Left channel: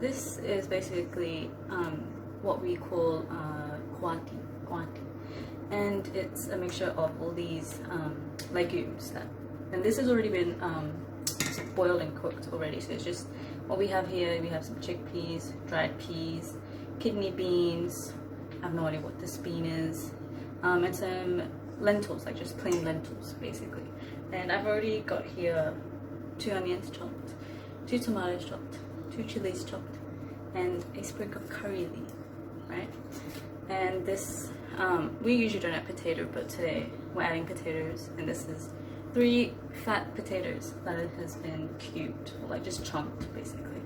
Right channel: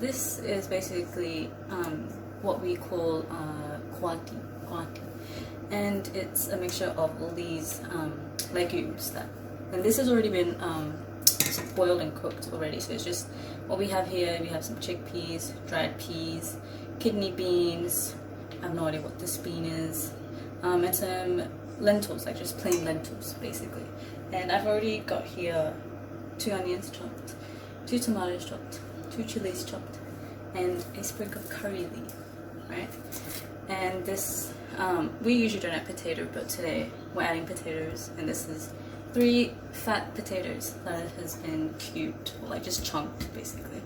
this is basically what we call Kwati, and it's a mixture of all these legumes and this has already been boiled and cooked already. So it's just what we have here. We have some chickpeas, dried peas, kidney beans. I have no idea what this bean is, and some lentils, like just plain lentils basically. And I've already got here 2 onions chopped, 2 tomatoes chopped, 2 chilies chopped, and a sprig of curry leaf, right? And this, we usually don't add potato, but today we're adding potatoes, and this is 3 fat potatoes that has been cubed, or like just chunked basically.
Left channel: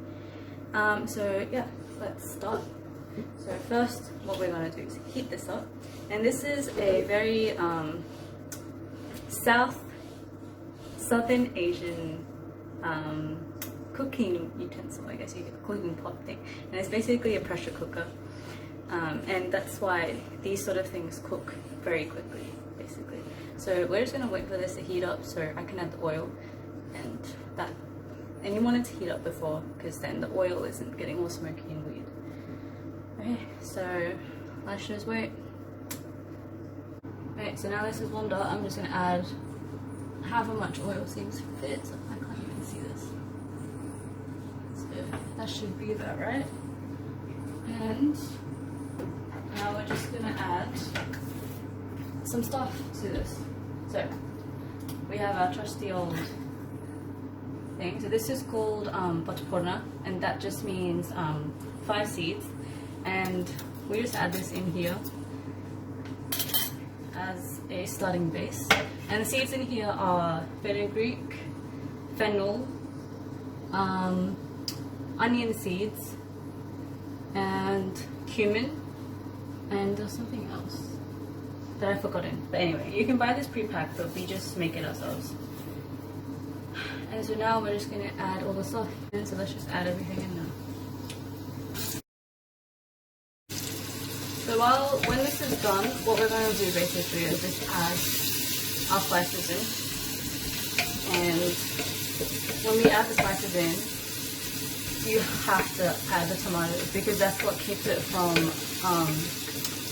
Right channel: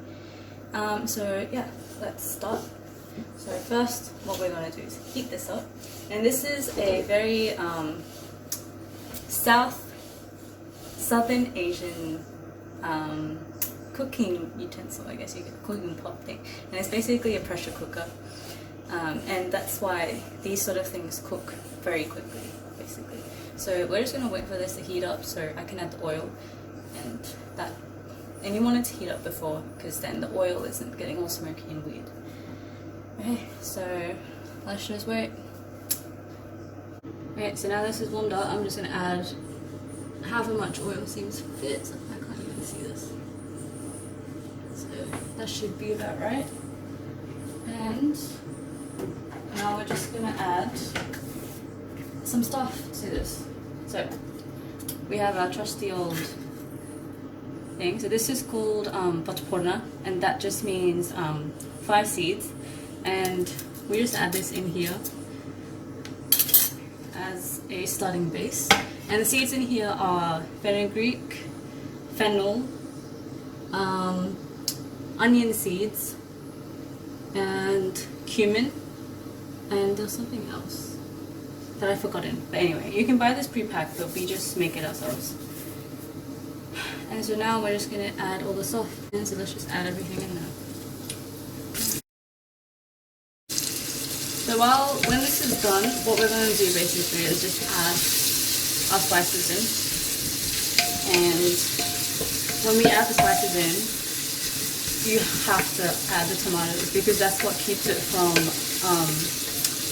So yeah, let's start. So first, what we're gonna do is heat this up, and this is a very Southern Asian cooking utensil, I guess you get a cooking pot thing, and it's basically a pressure cooker, and that's why these sort of things cook very quickly basically. So we're just gonna wait for this to heat up so I can add the oil, and you want it to heat up before, because then the oil isn't getting all smoky and weird. Okay, so let's just wait. Okay, so now this is warmed up. I'm just gonna add however much oil seems fit. I can't even see this. So that should be about right. And now we're just gonna add some stuff to this. So we have our trusty old thing. So this is called patporna, and that just means 5 seeds. And we just add this in here as a starting base. And the seeds in here are fenugreek, fennel, onion seeds, and cumin, and there's something else that I've forgotten. But anyway, you can buy this pre-packed, but we just make it ourselves. And so now we're just gonna add all the stuff. And so let's just add everything in there. So when this is done, what we're going to do basically is just add our spices in. And when we add the spices in, you have to add the tomatoes, because that's what keeps it from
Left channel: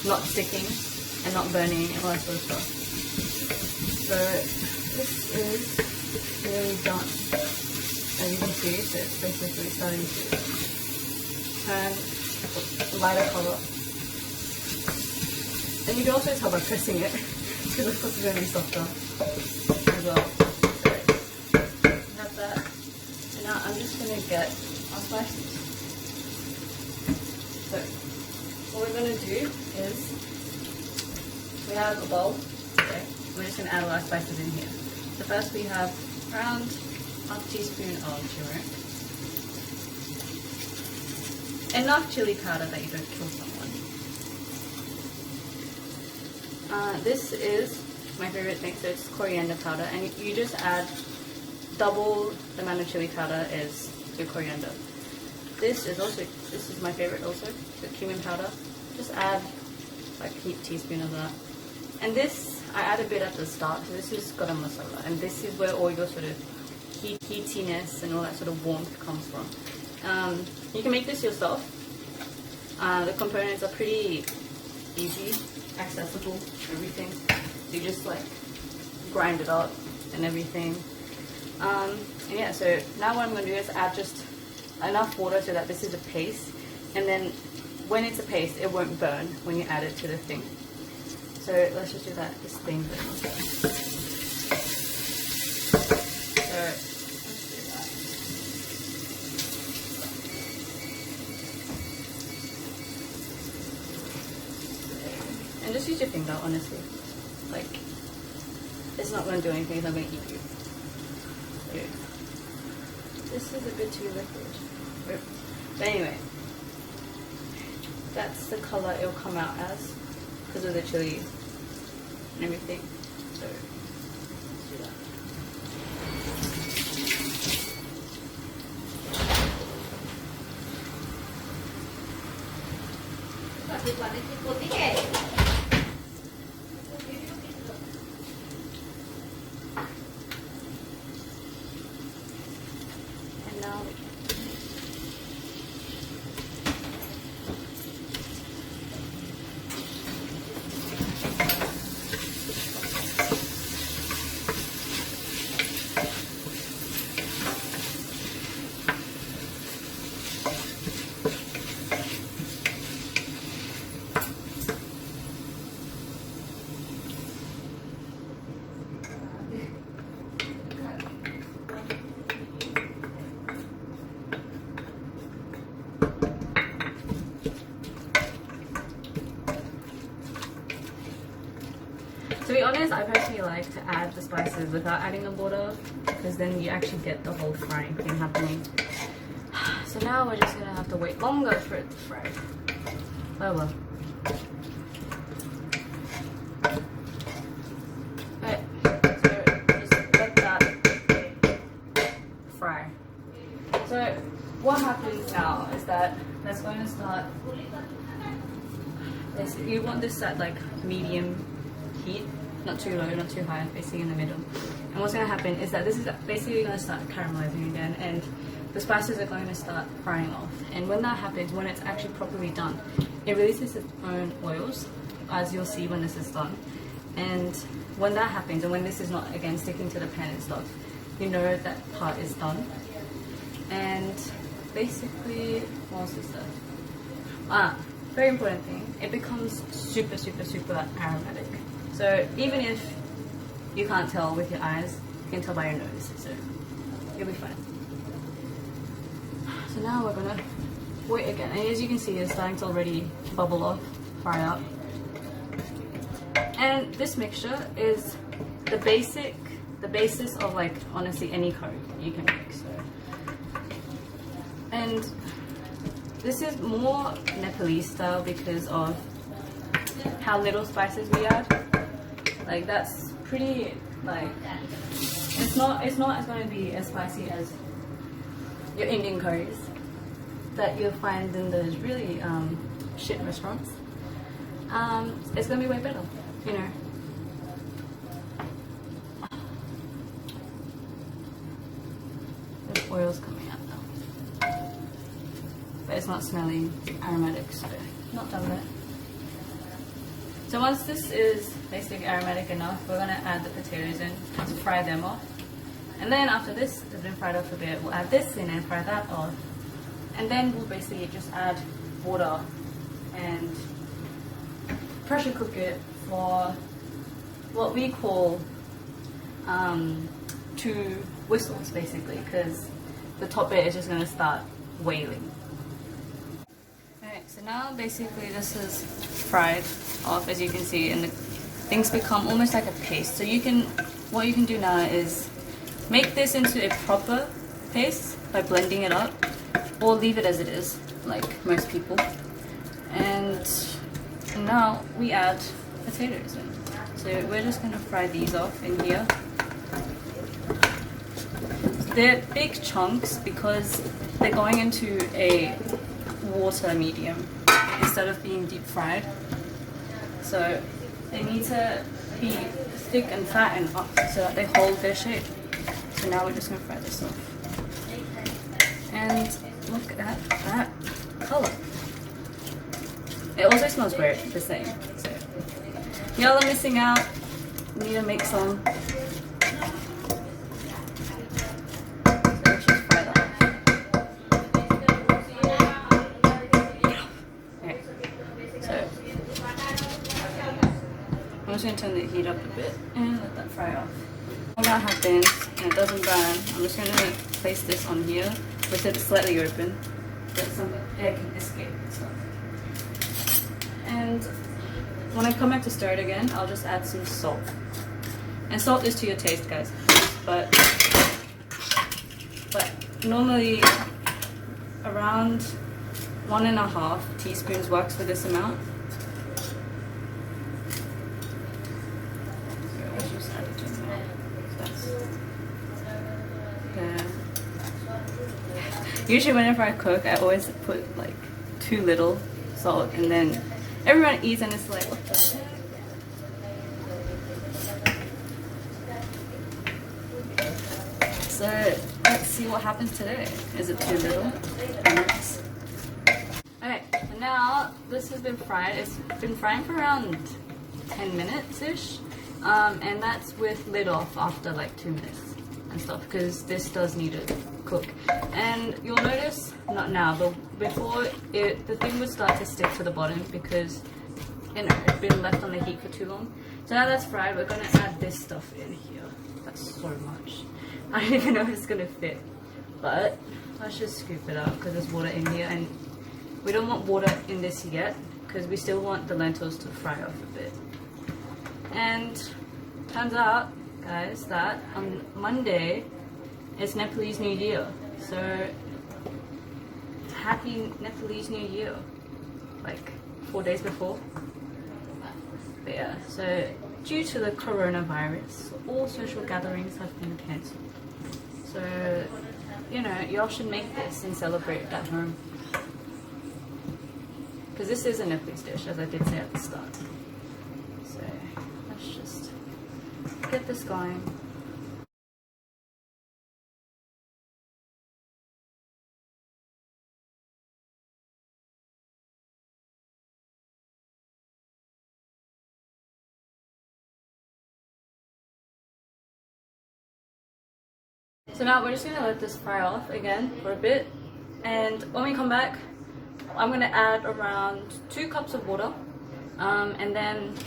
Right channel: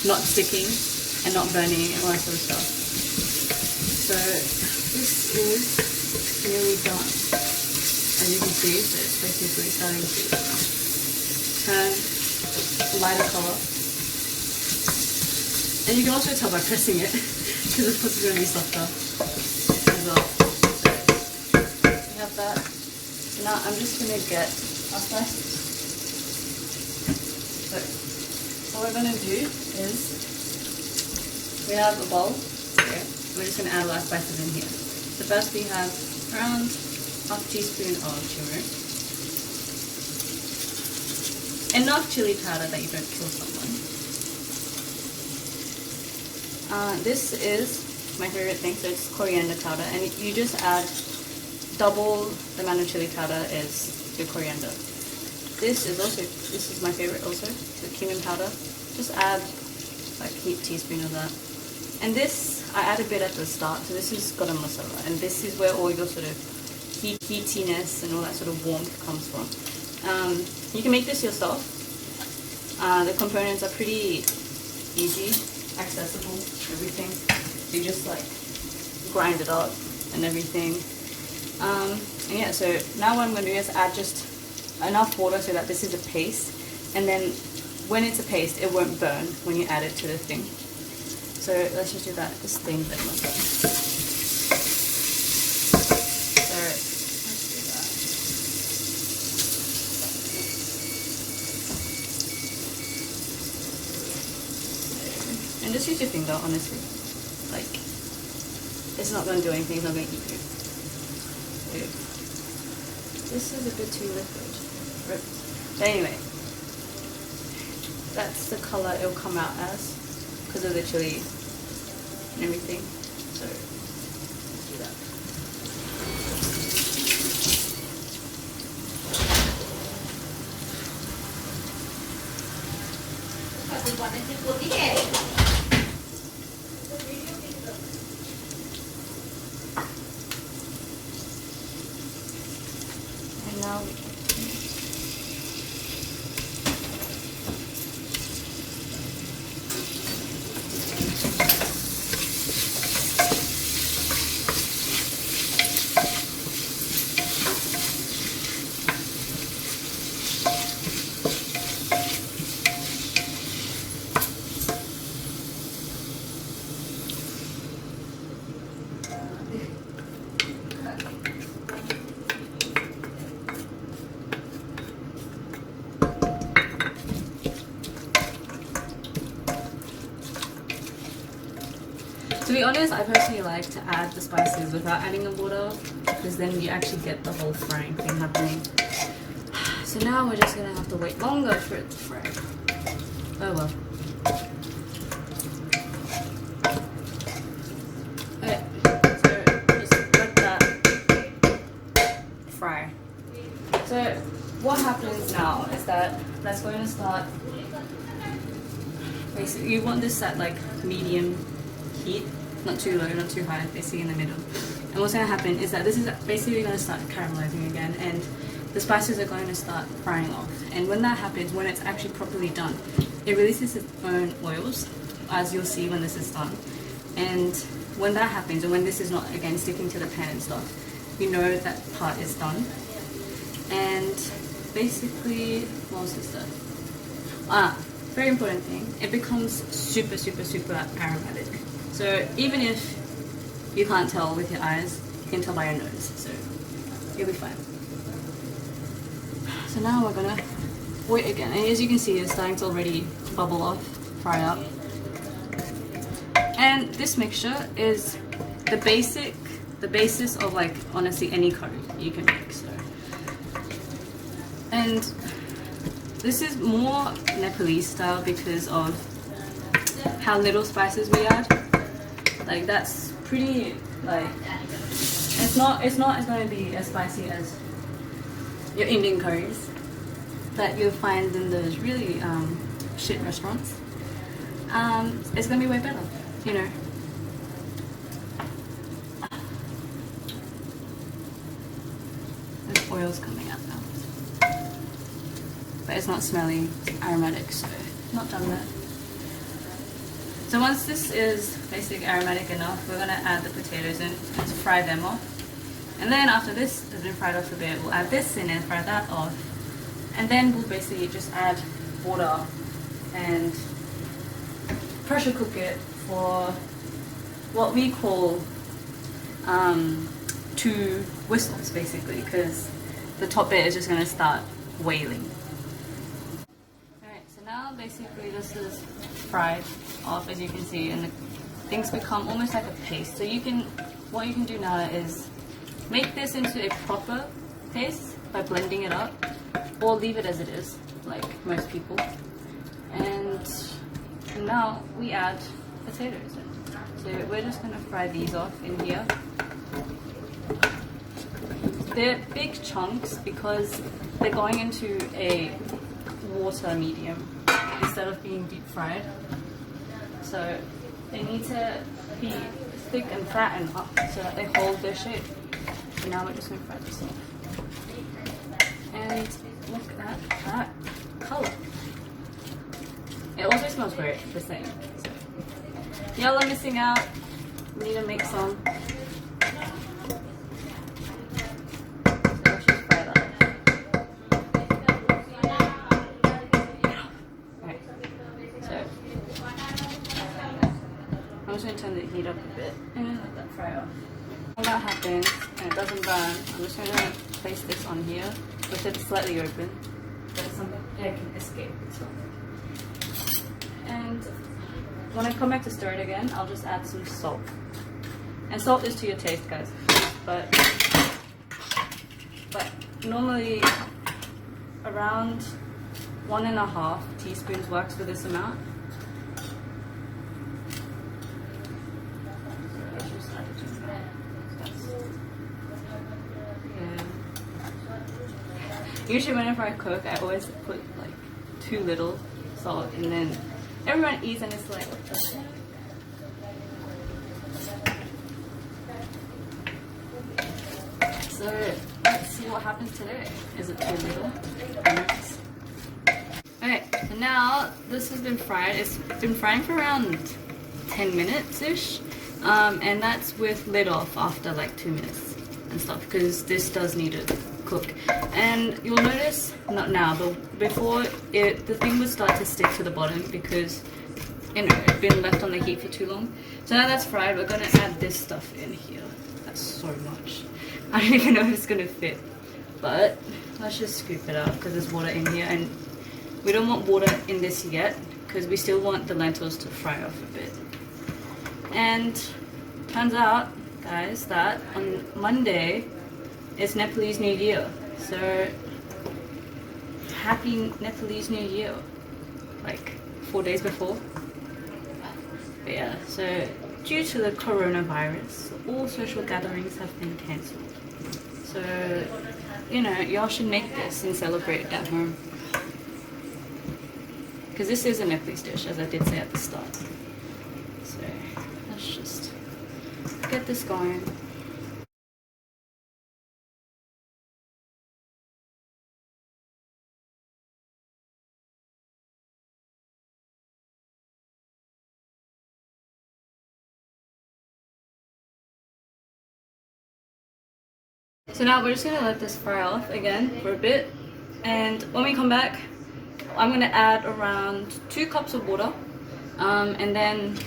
not sticking and not burning and all that sort of stuff. So this is nearly done, as you can see. So it's basically starting to turn a lighter color. And you can also tell by pressing it, because of course it's going to be softer as well. So we have that. So now I'm just going to get our spices. So what we're going to do is, we have a bowl. Okay. We're just going to add all our spices in here. So first we have around ½ teaspoon of turmeric. Enough chili powder that you don't kill someone. This is my favorite thing, so it's coriander powder, and you just add double the amount of chili powder as your coriander. This is my favorite also, the cumin powder. Just add like a teaspoon of that. And this, I add a bit at the start, so this is garam masala, and this is where all your sort of heatiness and all that sort of warmth comes from. You can make this yourself. The components are pretty easy, accessible, everything. You just like grind it up and everything. And yeah, so now what I'm going to do is add just enough water so that this is a paste, and then when it's a paste it won't burn when you add it to the thing. So let's just do that, this thing that won't burn. So let's do that. And just use your finger, honestly. Like, it's not going to do anything, it's not going to eat you. Dude. This is a bit too liquid. But anyway, that's the color it'll come out as because of the chili and everything. So let's do that. And now To be honest, I personally like to add the spices without adding the water, because then you actually get the whole frying thing happening. So now we're just gonna have to wait longer for it to fry. Oh well. Okay, so just let that fry. So what happens now is that that's going to start. Basically, you want this at like medium heat, not too low, not too high, basically in the middle. And what's going to happen is that this is basically going to start caramelizing again, and the spices are going to start frying off. And when that happens, when it's actually properly done, it releases its own oils, as you'll see when this is done. And when that happens, and when this is not again sticking to the pan and stuff, you know that part is done. And basically, what else is that? Very important thing, it becomes super aromatic. So even if you can't tell with your eyes, you can tell by your nose, so you'll be fine. So now we're gonna wait again, and as you can see, it's starting to already bubble off, fry up. And this mixture is the basis of like honestly any curry you can make. So, and this is more Nepalese style because of how little spices we add. Like that's pretty like it's not as going to be as spicy as your Indian curries that you'll find in those really shit restaurants. It's going to be way better, you know. There's oils coming out now. But it's not smelling aromatic, so not done that. So once this is basically aromatic enough, we're going to add the potatoes in and fry them off. And then after this has been fried off a bit, we'll add this in and fry that off. And then we'll basically just add water and pressure cook it for what we call 2 whistles basically, because the top bit is just going to start wailing. So now basically this is fried off, as you can see, and the things become almost like a paste. So what you can do now is make this into a proper paste by blending it up, or leave it as it is, like most people. And now we add potatoes in. So we're just going to fry these off in here. They're big chunks because they're going into a water medium instead of being deep fried. So they need to be thick and fattened up so that they hold their shape. So now we're just going to fry this off. And look at that color. It also smells great, just saying. So y'all are missing out. We need to make some. I'm just going to turn the heat up a bit and let that fry off. When that happens and it doesn't burn, I'm just going to place this on here with it slightly open so that some air can escape. And when I come back to stir it again, I'll just add some salt. And salt is to your taste, guys. But normally around 1.5 teaspoons works for this amount. Usually whenever I cook, I always put like too little salt, and then everyone eats and it's like, what the heck? So let's see what happens today. Is it too little? Nice. Okay, so now this has been fried. It's been frying for around 10 minutes-ish. And that's with lid off after like 2 minutes and stuff, because this does need to cook. And you'll notice, not now, but before, the thing would start to stick to the bottom because it's been left on the heat for too long. So now that's fried, we're going to add this stuff in here. That's so much. I don't even know if it's going to fit. But let's just scoop it out because there's water in here. And we don't want water in this yet because we still want the lentils to fry off a bit. And turns out, guys, that on Monday is Nepalese New Year. So happy Nepalese New Year, like 4 days before. But yeah, so due to the coronavirus, all social gatherings have been cancelled. So, you know, y'all should make this and celebrate at home. Because this is a Nepalese dish, as I did say at the start. So let's just get this going. So now we're just gonna let this fry off again for a bit, and when we come back, I'm gonna add around 2 cups of water, and then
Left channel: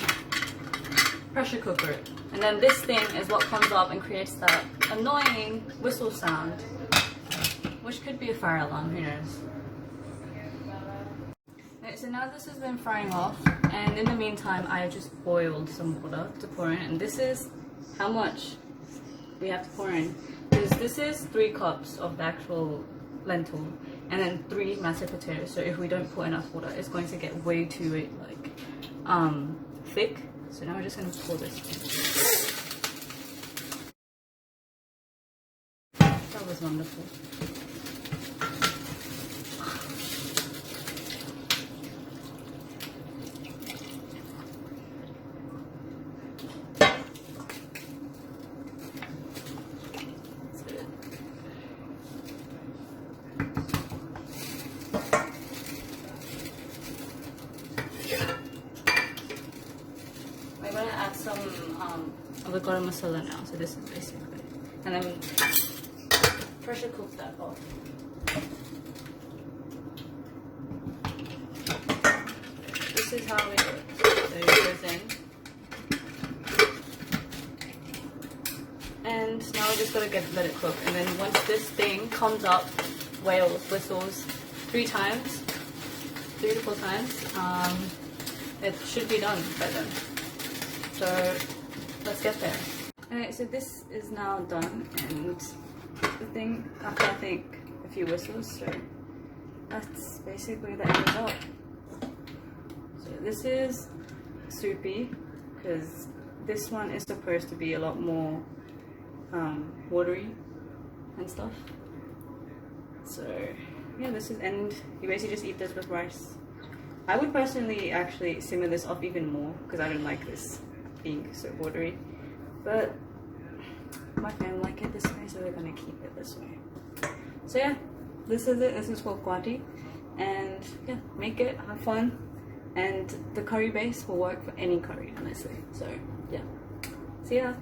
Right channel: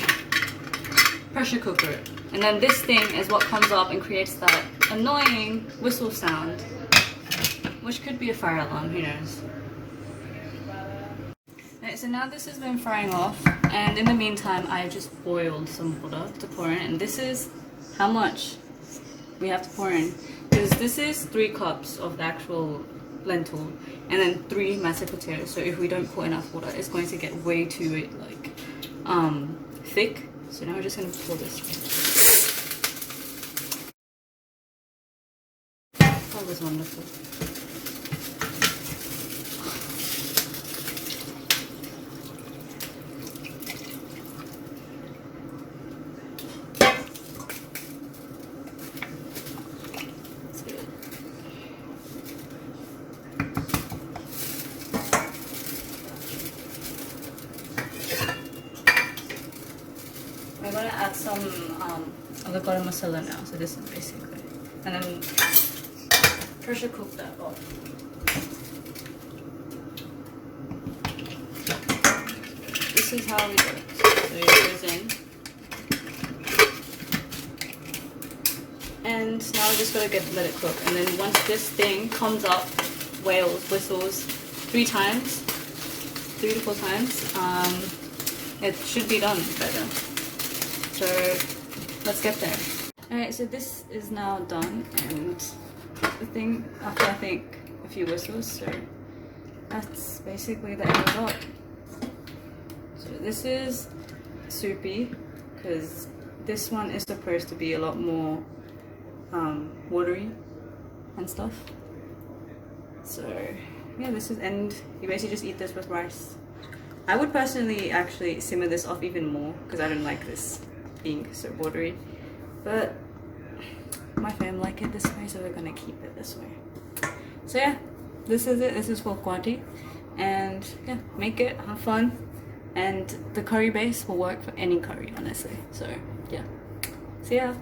pressure cooker it. And then this thing is what comes up and creates that annoying whistle sound, which could be a fire alarm, who knows. Alright, so now this has been frying off, and in the meantime I've just boiled some water to pour in, and this is how much we have to pour in. Because this is 3 cups of the actual lentil and then 3 mashed potatoes. So if we don't put enough water, it's going to get way too like thick. So now we're just gonna pour this. That was wonderful. I'm gonna add some avocado masala now, so this is basically, and then pressure cook that off. This is how we do it. So it goes in, and now we just gotta let it cook. And then once this thing comes up, whistles 3 times, 3 to 4 times, it should be done by then. So let's get there. Alright, so this is now done, and the thing after I think a few whistles, so that's basically the end result. So this is soupy because this one is supposed to be a lot more watery and stuff. So yeah, this is, and you basically just eat this with rice. I would personally actually simmer this off even more because I don't like this being so watery, but my family like it this way, so we're gonna keep it this way. So yeah, this is it. This is for Kwati, and yeah, make it, have fun, and the curry base will work for any curry, honestly. So yeah, see ya.